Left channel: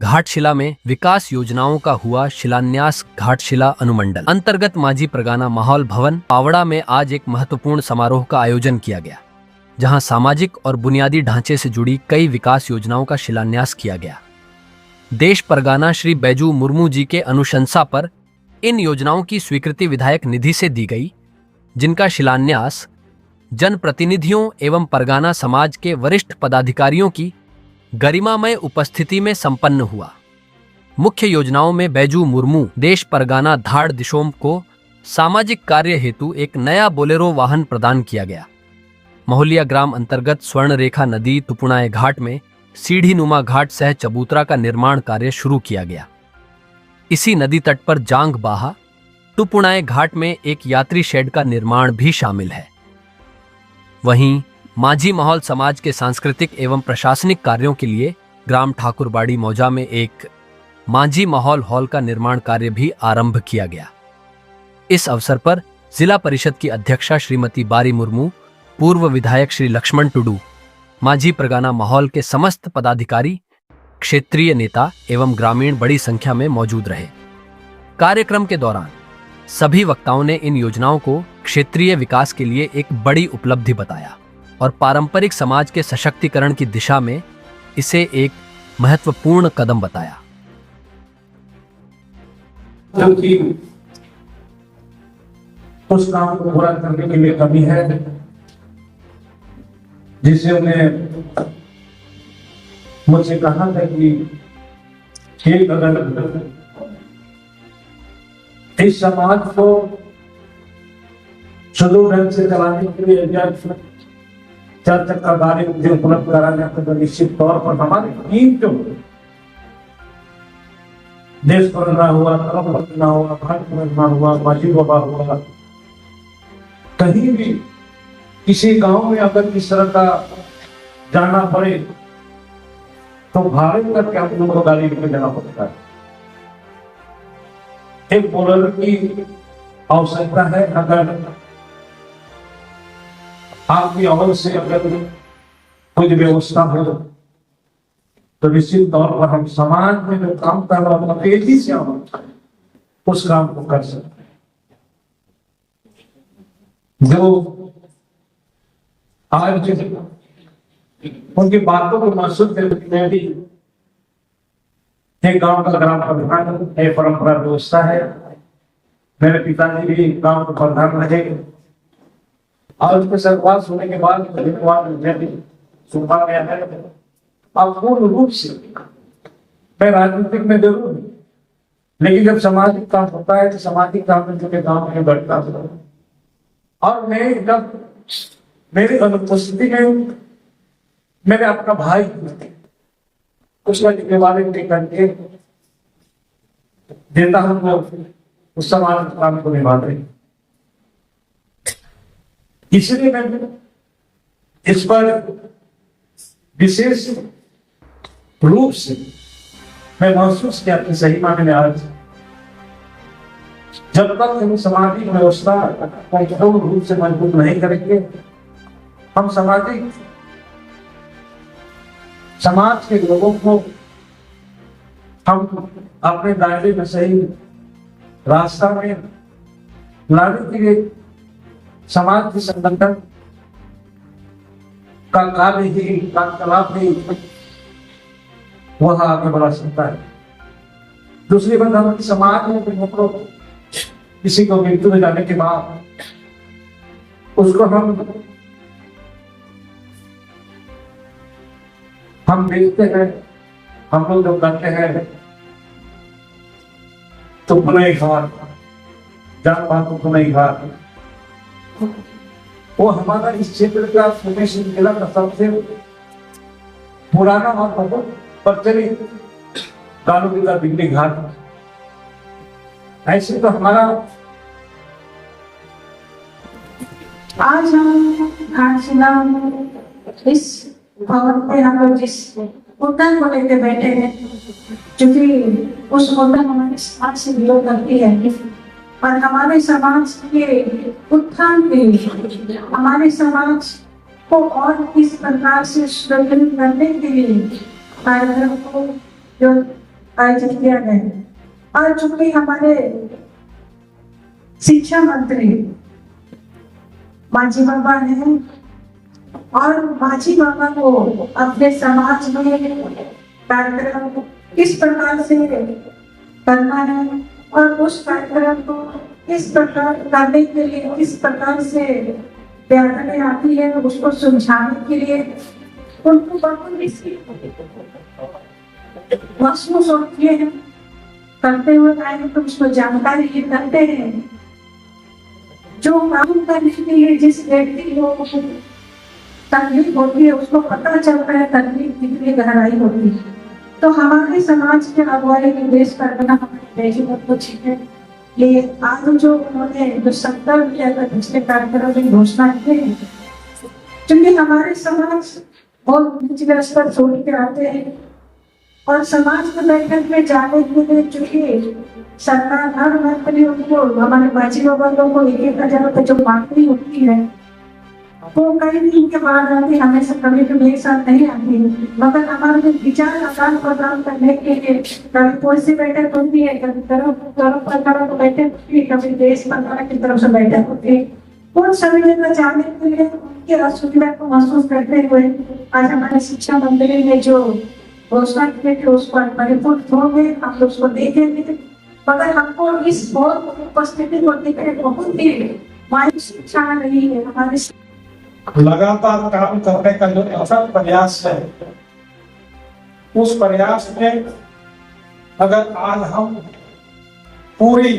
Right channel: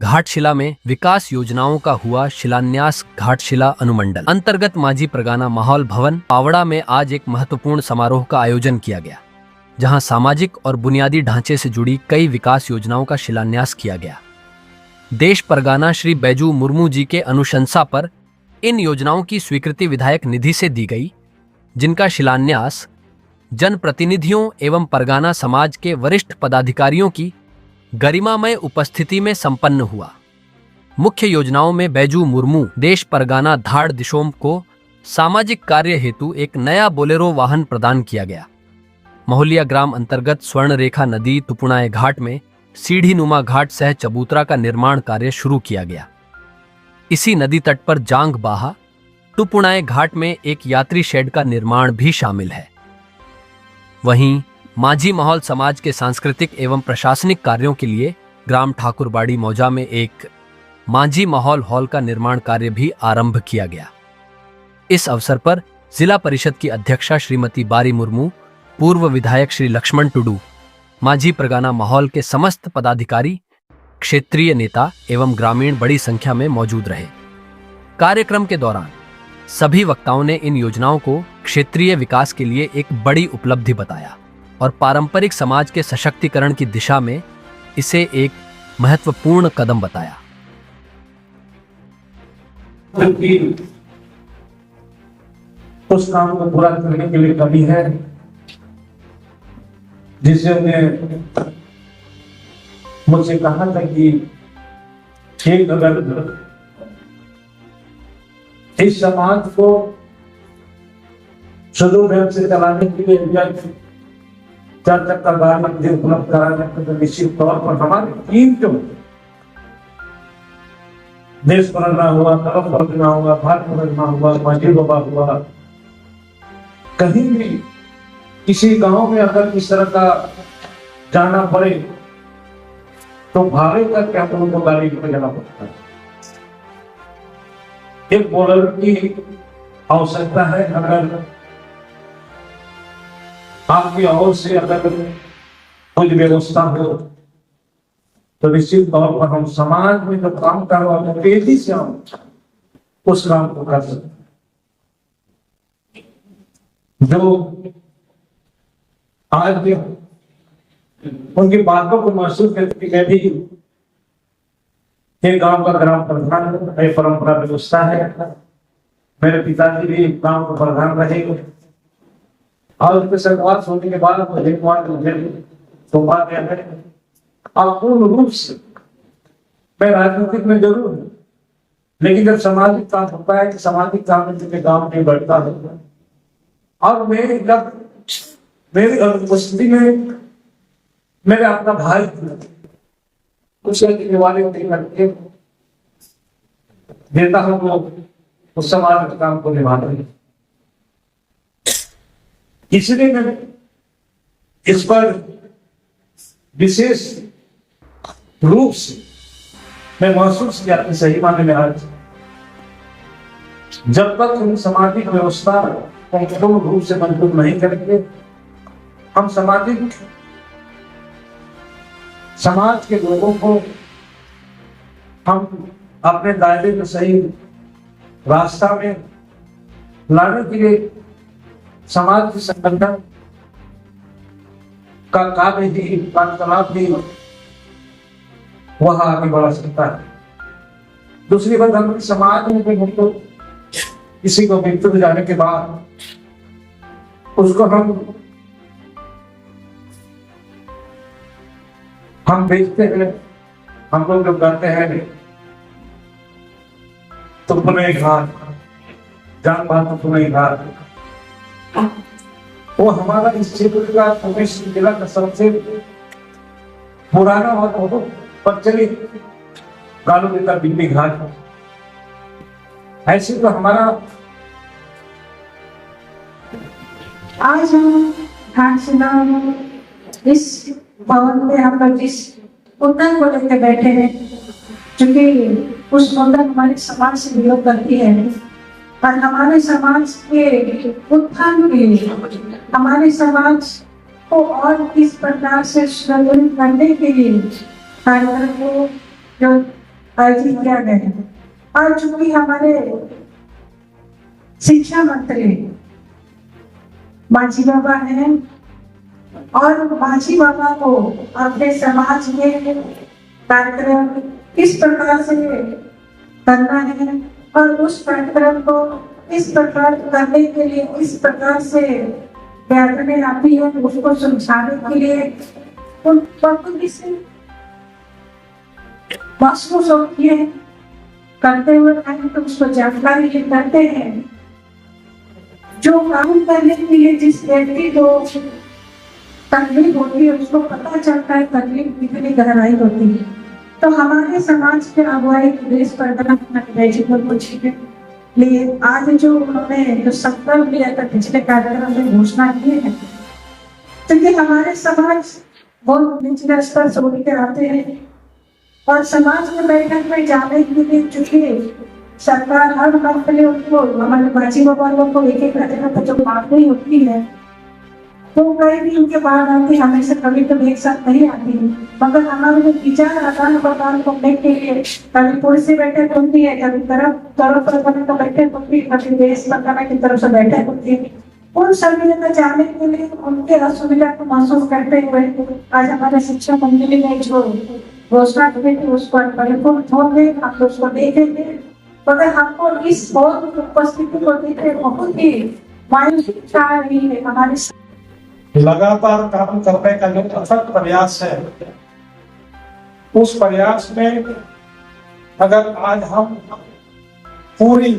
घाटशिला में विकास योजनाओं का हुआ शिलान्यास। घाटशिला अनुमंडल अंतर्गत माझी परगाना माहौल भवन पावड़ा में आज एक महत्वपूर्ण समारोह का आयोजन किया गया, जहां सामाजिक और बुनियादी ढांचे से जुड़ी कई विकास योजनाओं का शिलान्यास किया गया। देश परगाना श्री बैजू मुर्मू जी के अनुशंसा पर इन योजनाओं की स्वीकृति विधायक निधि से दी गई, जिनका शिलान्यास जनप्रतिनिधियों एवं परगाना समाज के वरिष्ठ पदाधिकारियों की गरिमामय उपस्थिति में संपन्न हुआ। मुख्य योजनाओं में बैजू मुर्मू देश परगाना धाड़ दिशोम को सामाजिक कार्य हेतु एक नया बोलेरो वाहन प्रदान किया गया। महुलिया ग्राम अंतर्गत स्वर्ण रेखा नदी तुपुणाए घाट में सीढ़ी नुमा घाट सह चबूतरा का निर्माण कार्य शुरू किया गया। इसी नदी तट पर जांग बाहा तुपुणाए घाट में एक यात्री शेड का निर्माण भी शामिल है। वहीं माझी माहौल समाज के सांस्कृतिक एवं प्रशासनिक कार्यों के लिए ग्राम ठाकुरबाड़ी मौजा में एक माझी माहौल हॉल का निर्माण कार्य भी आरंभ किया गया। इस अवसर पर जिला परिषद की अध्यक्षा श्रीमती बारी मुर्मू, पूर्व विधायक श्री लक्ष्मण टुडू, माझी परगाना माहौल के समस्त पदाधिकारी, क्षेत्रीय नेता एवं ग्रामीण बड़ी संख्या में मौजूद रहे। कार्यक्रम के दौरान सभी वक्ताओं ने इन योजनाओं को क्षेत्रीय विकास के लिए एक बड़ी उपलब्धि बताया और पारंपरिक समाज के सशक्तिकरण की दिशा में इसे एक महत्वपूर्ण कदम बताया। क्योंकि उस काम को पूरा करने के लिए कमी है, जिसे उन्हें मुझसे कहा था कि ठीक अगर इस समाज को सुदूर ढंग से चलाने के लिए चार चक्कर गाड़ी मुझे उपलब्ध करा जाए तो निश्चित तौर पर हमारी टीम जो देश परगना हुआ, तरफ परगना हुआ, घाट परगना हुआ, माझी बाबा हुआ, कहीं भी किसी गांव में अगर इस तरह का जाना पड़े तो भागे करके आप उनको गाड़ी में जाना पड़ता है। एक बोलर की आवश्यकता है। अगर आपकी ओर से अगर कुछ व्यवस्था हो तो निश्चित तौर पर हम समाज में जो काम कर रहा है तेजी से हम उस काम को कर सकते हैं। जो आज उनकी बातों को महसूस करके मैं भी एक गांव का ग्राम प्रधान एक परंपरा व्यवस्था है। मेरे पिताजी भी गांव के प्रधान रहे और उसके सर्वास होने के बाद मुझे सौंपा गया है। और पूर्ण रूप से मैं राजनीतिक में जरूर हूं, लेकिन जब सामाजिक काम होता है तो सामाजिक काम में जो गांव में बढ़ता है और मैं जब मेरी अनुपस्थिति में मेरे अपना भाई उस वाले करके देता हूं तो उस समाज काम को निभाते हैं। इसलिए मैं इस पर विशेष रूप से मैं महसूस किया कि सही मायने में आज जब तक हम सामाजिक व्यवस्था को पूर्ण रूप से मजबूत नहीं करेंगे, हम समाज के लोगों को हम अपने दायरे में सही रास्ता में लाने के लिए समाज के संगठन का कार्य ही कार्यकलाप भी वह आगे बढ़ा सकता है। दूसरी बात, हम समाज में भी मतलब किसी को मृत्यु में जाने के बाद उसको हम देखते हैं, हम लोग जब करते हैं तो पुनः घाट जान पात पुनः घाट वो हमारा इस क्षेत्र का फॉर्मेशन जिला का सबसे पुराना और बहुत प्रचलित कानूनी का बिजली घाट। ऐसे तो हमारा आज हम घाटशिला में इस भवन में हम लोग जिस मुद्दा को लेकर बैठे हैं, क्योंकि उस मुद्दा हमारे समाज से विरोध करती है और हमारे समाज के उत्थान के लिए, हमारे समाज को और किस प्रकार से सुदृढ़ करने के लिए कार्यक्रम को जो आयोजित किया गया है। और चूंकि हमारे शिक्षा मंत्री माझी बाबा हैं और माझी बाबा को अपने समाज में कार्यक्रम किस प्रकार से करना है और उस कार्यक्रम को किस प्रकार करने के लिए किस प्रकार से व्याकरण आती है उसको सुलझाने के लिए उनको बहुत महसूस होती है, करते हुए आए तो उसको जानकारी ये करते हैं। जो काम करने के लिए जिस व्यक्ति को तकलीफ होती है उसको पता चलता है तकलीफ कितनी गहराई होती है। तो हमारे समाज के अगुवाई देश परगना हमारे गाजीपुर को छीने लिए आज जो उन्होंने जो संकल्प लिया था पिछले कार्यक्रम में घोषणा की है, क्योंकि हमारे समाज बहुत निचले स्तर से उठ के आते हैं और समाज के बैठक में जाने के लिए चूंकि सरकार हर मंथ में उनको हमारे बाजी वालों को 1,000 रुपए जो बांटनी होती है वो कहीं भी उनके बाहर आती, हमेशा कभी तो एक साथ नहीं आती, मगर हमारे विचार आदान प्रदान करने के लिए कभी पुलिस से बैठक होती है, कभी तरफ बैठक होती है, कभी देश सरकार की तरफ से बैठक होती है। उन सभी जगह जाने के लिए उनके असुविधा को महसूस करते हुए आज हमारे शिक्षा मंत्री ने जो घोषणा की थी उसको परिपूर्ण होंगे, हम उसको देखेंगे। मगर हमको इस बहुत उपस्थिति को देखे बहुत ही मायूस इच्छा रही है। हमारी लगातार काम करने का जो अथक प्रयास है, उस प्रयास में अगर आज हम पूरी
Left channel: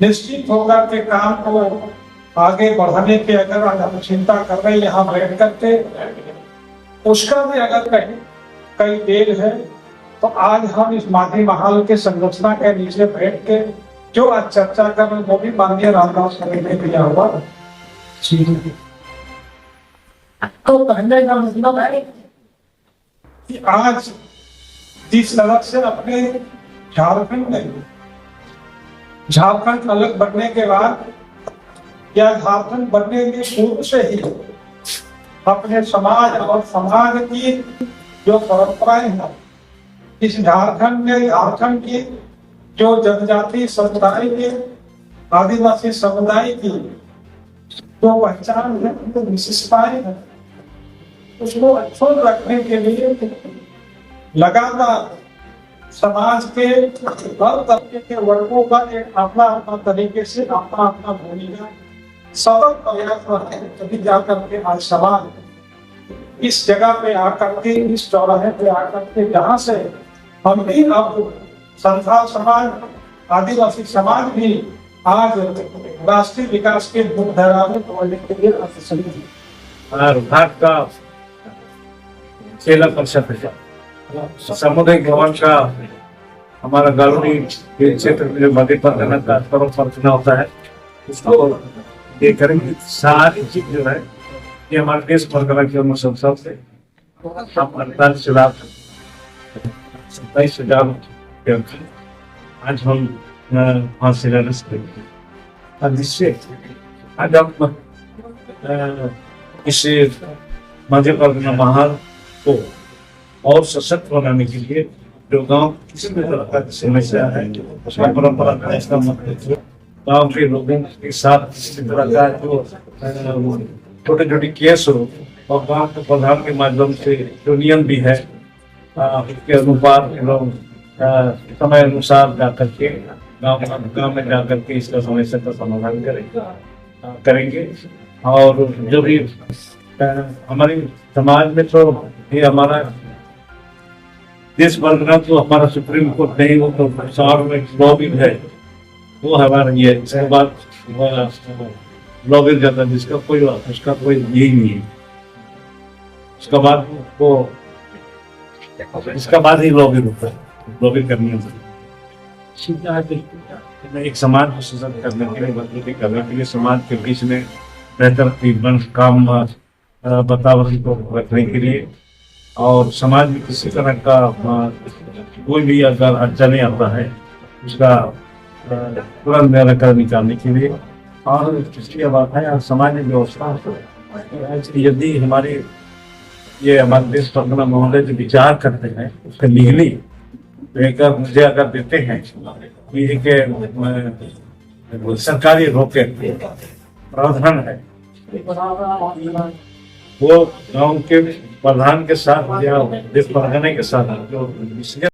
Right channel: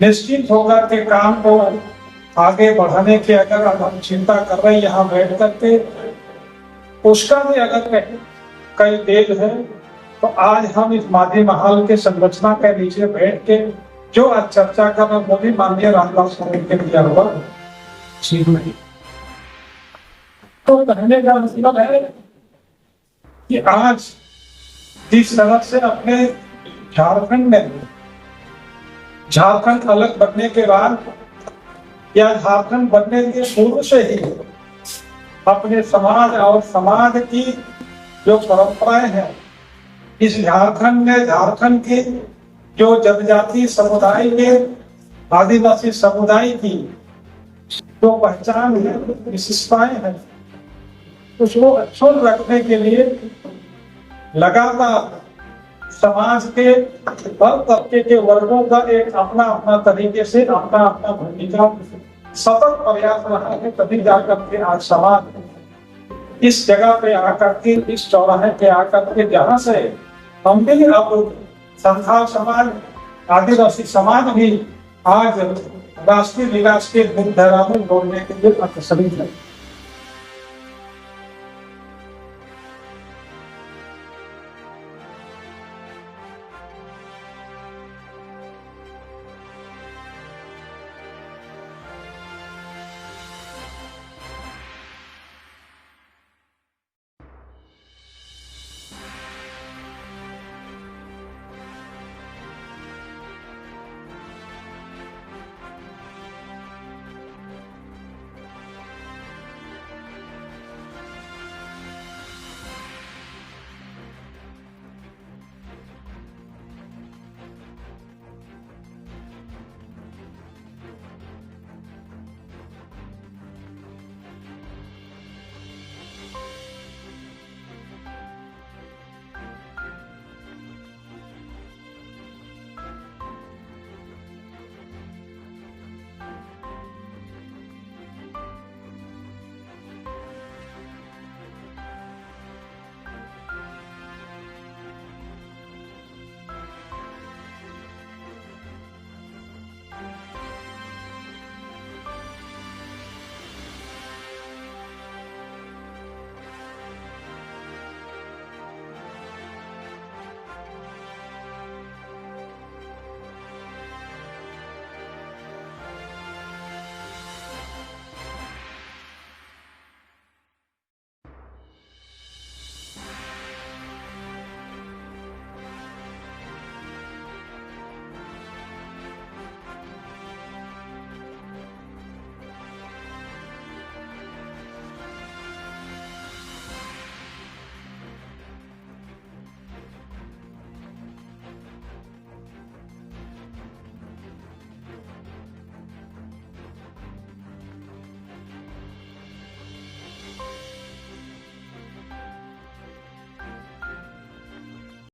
निश्चित होकर के काम को आगे बढ़ाने की अगर हम चिंता कर रहे हैं यहाँ बैठ करके, उसका भी अगर कई देर है तो आज हम इस माझी महल के संरचना के नीचे बैठ के जो आज चर्चा कर रहे हैं वो भी माननीय रामदास ने दिया हुआ। तो कहने का मतलब है कि आज जिस तरह से अपने झारखंड अलग बनने के बाद या झारखंड बनने के पूर्व से ही अपने समाज और समाज की जो परंपराएं हैं, इस झारखंड की जो जनजाति समुदाय के आदिवासी समुदाय की जो पहचान है, जो विशेषताएं हैं, उसको अक्षुण्ण रखने के लिए लगातार समाज के हर तबके के वर्गों का एक अपना अपना तरीके से अपना अपना भूमिका सतत प्रयास रहा है। तभी जाकर के आज समाज इस जगह पे आकर के, इस चौराहे पे आकर के, जहाँ से हम भी अब संथाल समाज, आदिवासी समाज भी आज राष्ट्रीय विकास के मुख्यधारा में जोड़ने के लिए अग्रसर है। भारत का जिला परिषद सामुदायिक भवन का हमारा गालूरी क्षेत्र में जो मध्य प्रदेश का चुनाव होता है, उसको ये करेंगे। सारी चीज जो है ये हमारे देश परगना के अनुसार से 27,27,000 आज हम वहाँ शिलान्यास करेंगे। जिससे आज हम इस मध्य परगना महल को और सशक्त बनाने के लिए जो गांव किसी भी तरह का समस्या है, परंपरा का इसका मतलब गांव के लोगों के साथ किसी तरह का जो छोटे छोटे केस हो और गांव के प्रधान के माध्यम से जो नियम भी है उसके अनुसार लोग समय अनुसार जाकर के गांव में जाकर के इसका समस्या का समाधान करेंगे। और जो भी हमारे समाज में तो ये हमारा देश परगना तो हमारा सुप्रीम कोर्ट नहीं, वो तो शहर में लॉ भी है, वो हमारा ये इसके बाद लॉ भी जाता है जिसका कोई उसका कोई यही नहीं है। उसका बाद वो इसका बाद ही लॉ भी होता है, लॉ भी करनी है। एक समाज को सशक्त करने के लिए, मजबूती करने के लिए, समाज के बीच में बेहतर काम वातावरण को रखने के लिए और समाज में किसी तरह का कोई भी अगर अड़चने आता है उसका तुरंत निराकरण निकालने के लिए। और इसकी बात है समाज में व्यवस्था यदि हमारे ये हमारे देश परगना महोदय जो विचार करते हैं उसका लीगली लेकर मुझे अगर देते हैं कि एक सरकारी रॉकेट प्रावधान है, वो गांव के प्रधान के साथ या जिस परगने के साथ जो